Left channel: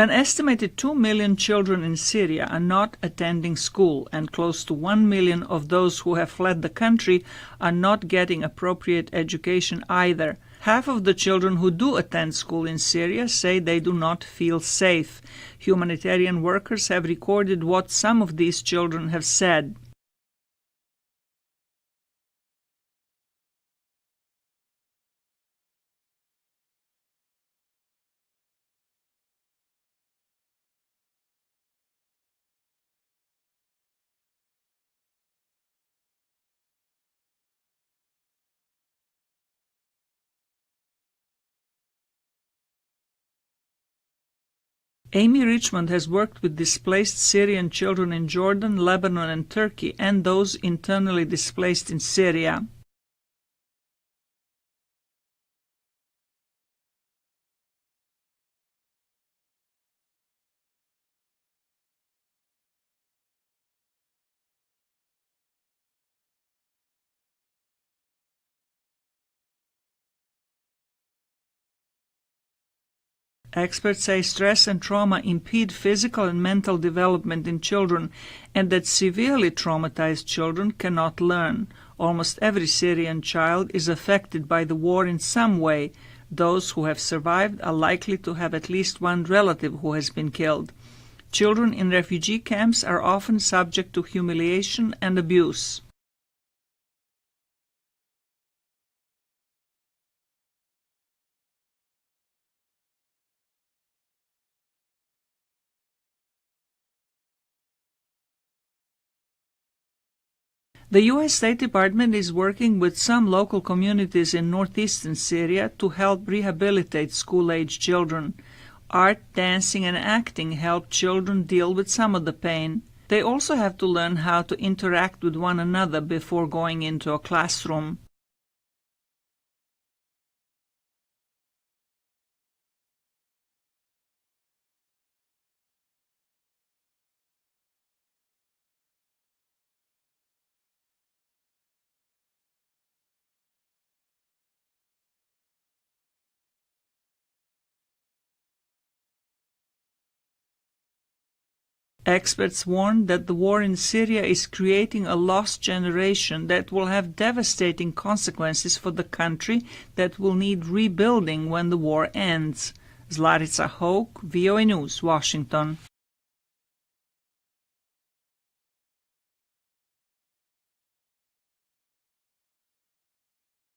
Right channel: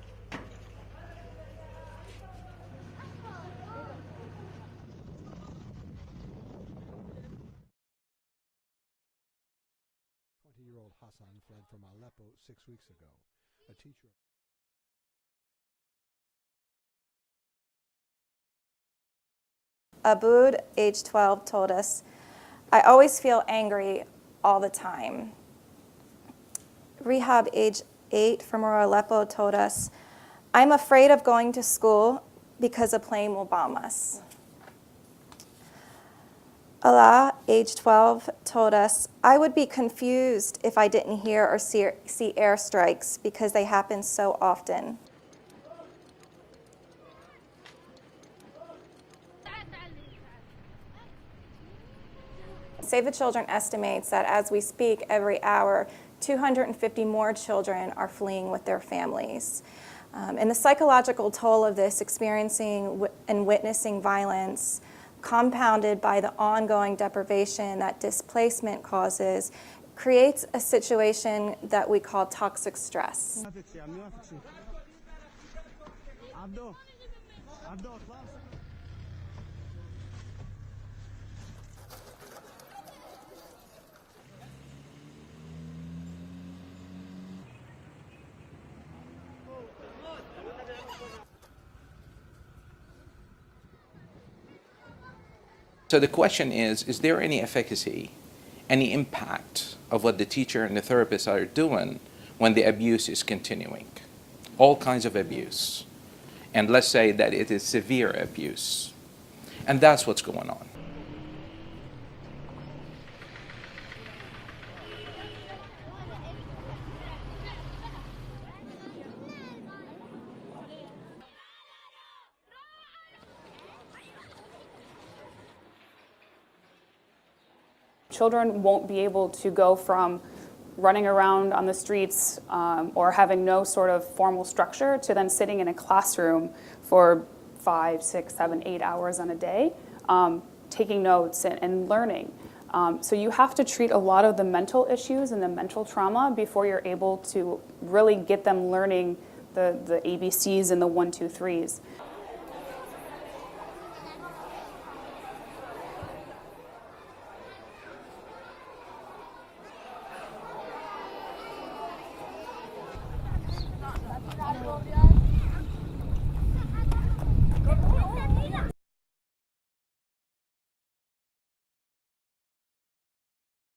An estimated 2 million children in Syria are not attending school, and close to 1 million of those who have fled the country are not getting appropriate education either. Half of the children who do attend school in Syria say they do not feel safe. Humanitarian workers have recorded what some of these children have said. Aboud, age 12, told us, "I always feel angry all the time." Rehab, age 8, from Aleppo, told us, "I'm afraid of going to school because a plane will bomb us." Allah, age 12, told us, "I would be confused if I didn't hear or see airstrikes because they happen so often." Amy Richmond has worked with displaced Syrian children in Jordan, Lebanon, and Turkey, and those internally displaced in Syria. Save the Children estimates that as we speak, every hour, 250 more children are fleeing with their families. And the psychological toll of this, experiencing and witnessing violence, compounded by the ongoing deprivation that displacement causes, creates a situation that we call toxic stress. Experts say stress and trauma impede physical and mental development in children, and that severely traumatized children cannot learn. Almost every Syrian child is affected by the war in some way. Those who have survived are likely to have at least one relative who has been killed. Children in refugee camps are often subject to humiliation and abuse. So the question is there any efficacy, any impact of what the teacher and the therapist are doing when the abuse is continuing? All kinds of abuse. And let's say that it is severe abuse. And that's what's going on. The U.S. State Department is working with some local communities in northeastern Syria to help rehabilitate school-age children. Art, dancing, and acting help children deal with some of the pain. They also have to learn how to interact with one another before going into a classroom. Children won't be able to go from running around on the streets or having no sort of formal structure to then sitting in a classroom for 5, 6, 7, 8 hours on a day, taking notes and learning. So you have to treat a lot of the mental issues and the mental trauma before you're able to really get them learning the ABCs and the 1, 2, 3s. Experts warn that the war in Syria is creating a lost generation that will have devastating consequences for the country that will need rebuilding when the war ends. Zlarica Hoke, VOA News, Washington.